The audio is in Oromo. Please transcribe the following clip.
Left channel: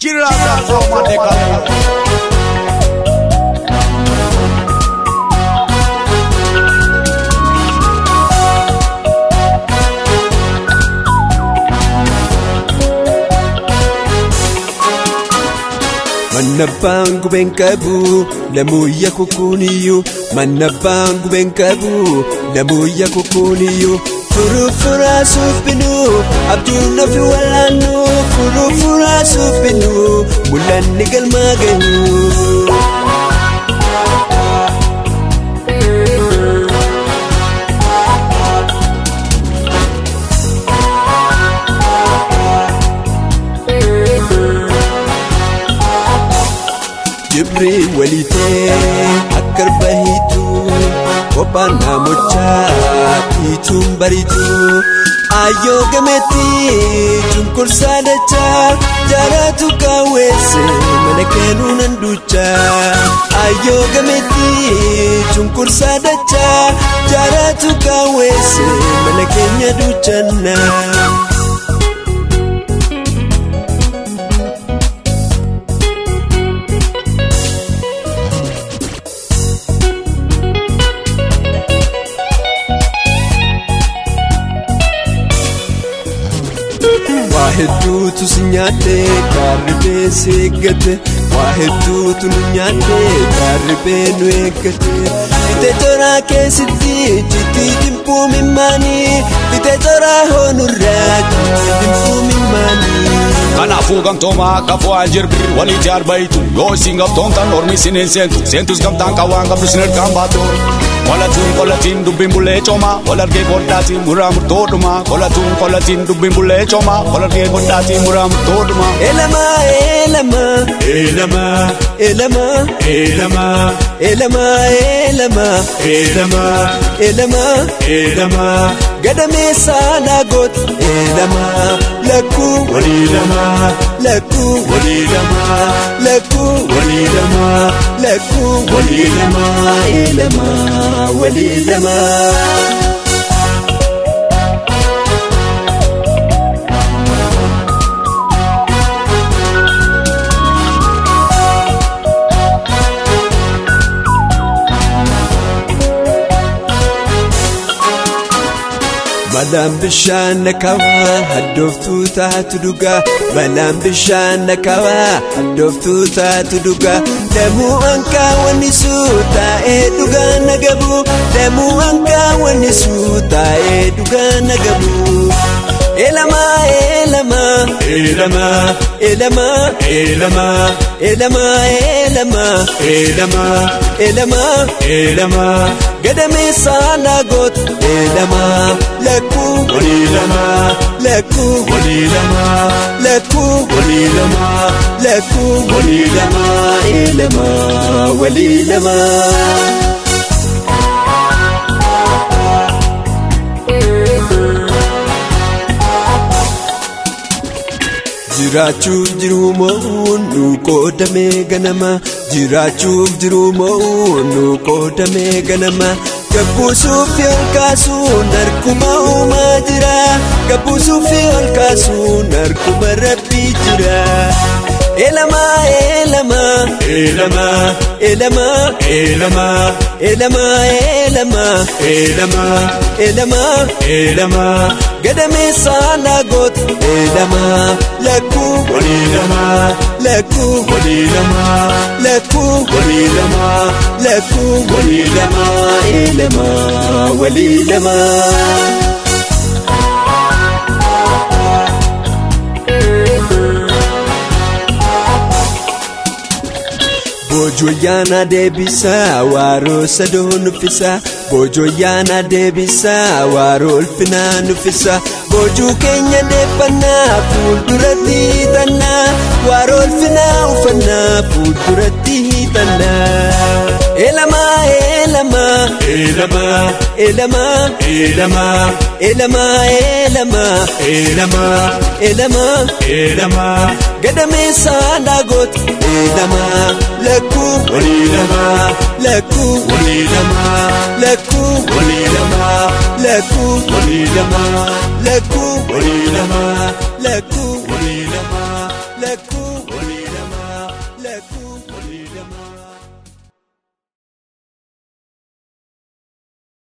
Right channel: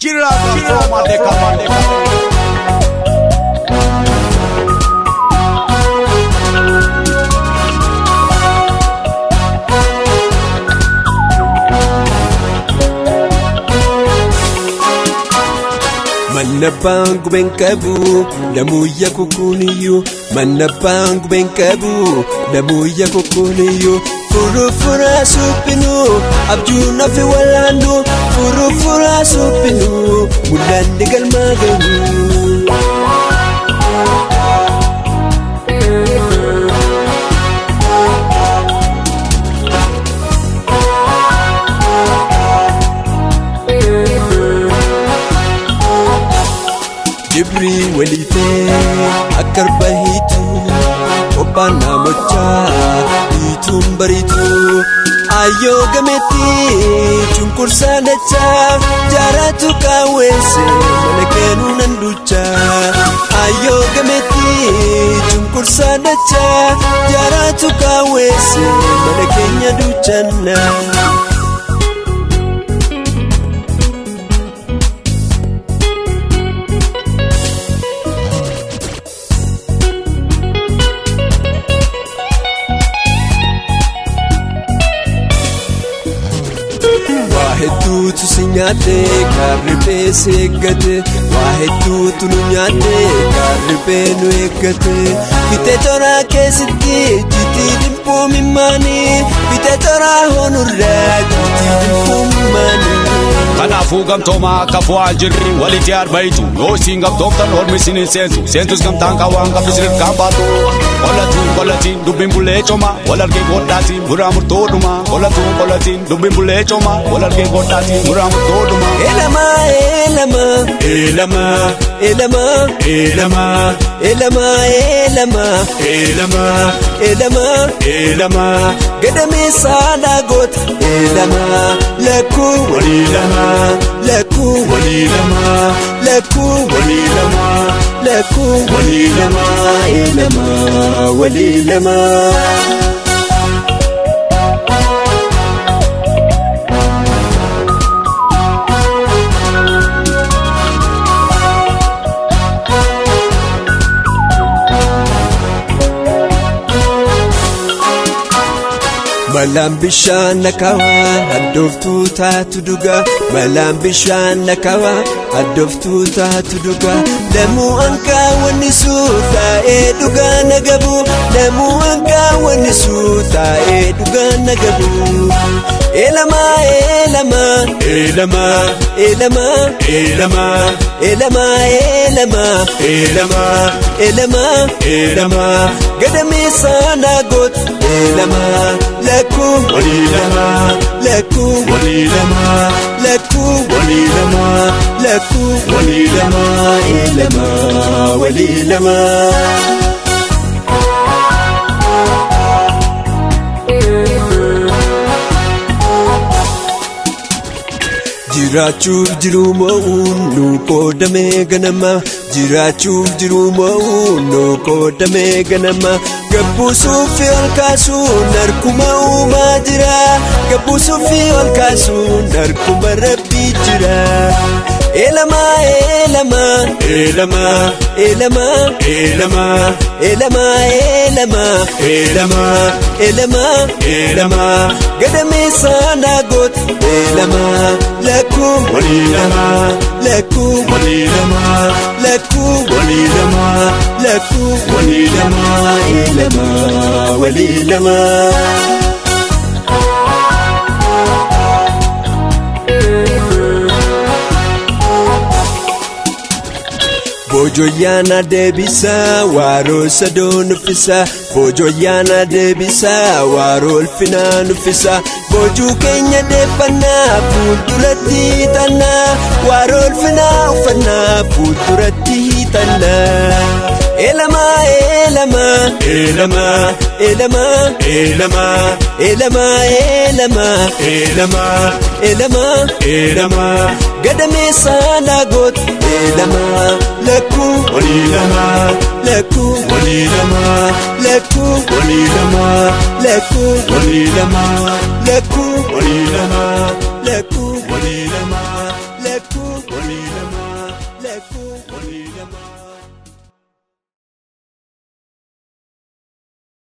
Kirata from Adekalayo. Manapang benkabu namuya kukuniyo manapang benkabu namuya kukuniyo furufura supinu abduna fi walano furufura supinu bulan nigal maganu Walite akarbahitu kopana mocha itum baritu ayo gameti chungkur sadacha jaratu kawese malakenu nanducha ayo gameti chungkur sadacha jaratu kawese malakenya duchana tu sinyate karibe segate wahetu tu nyate karibe negate ite jora ke sitti jiti timpo mimani ite jora honura timpo mimani kana fuga toma kabwaje wale jad baitu go singa tonga lor misine sentu skam tanga wanga misir kambatu wala tin du bimule choma wala ge bodati muram toduma wala tin du bimule choma wala ge bodati muram toduma elama elama elama elama elama elama elama elama elama gadame sana got elama laku walilama laku walilama laku walilama laku walilama elama walilama Malam bishan kawa adoftu tatuduga malam bishan kawa adoftu tatuduga demu anga wanisuta eduga nagabu demu anga wanisuta eduga nagabu elama elama elama elama elama elama elama elama elama elama gadame sana got elama laku walilama laku walilama laku walilama laku walilama elama walilama Jirachuuf jiru mo'uunu qoodame ganama Jirachuuf jiru mo'uunu qoodame ganama Gabbuusuuf olkaasuun harkuma uumaa jira Gabbuusuuf olkaasuun harkuma rabbii jira Elama elama elama elama elama elama elama elama elama elama gadame sana got elama laku walilama laku walilama laku walilama laku walilama elama walilama Bojoyana debisa waro sadon fisa Bojoyana debisa waro fina nufisa Boju kenya nefana fuldurati tana waro fina ufana fuldurati tana Elama elama elama elama elama elama elama elama elama elama gadame sana got elama laku walilama laku walilama laku walilama laku walilama laku walilama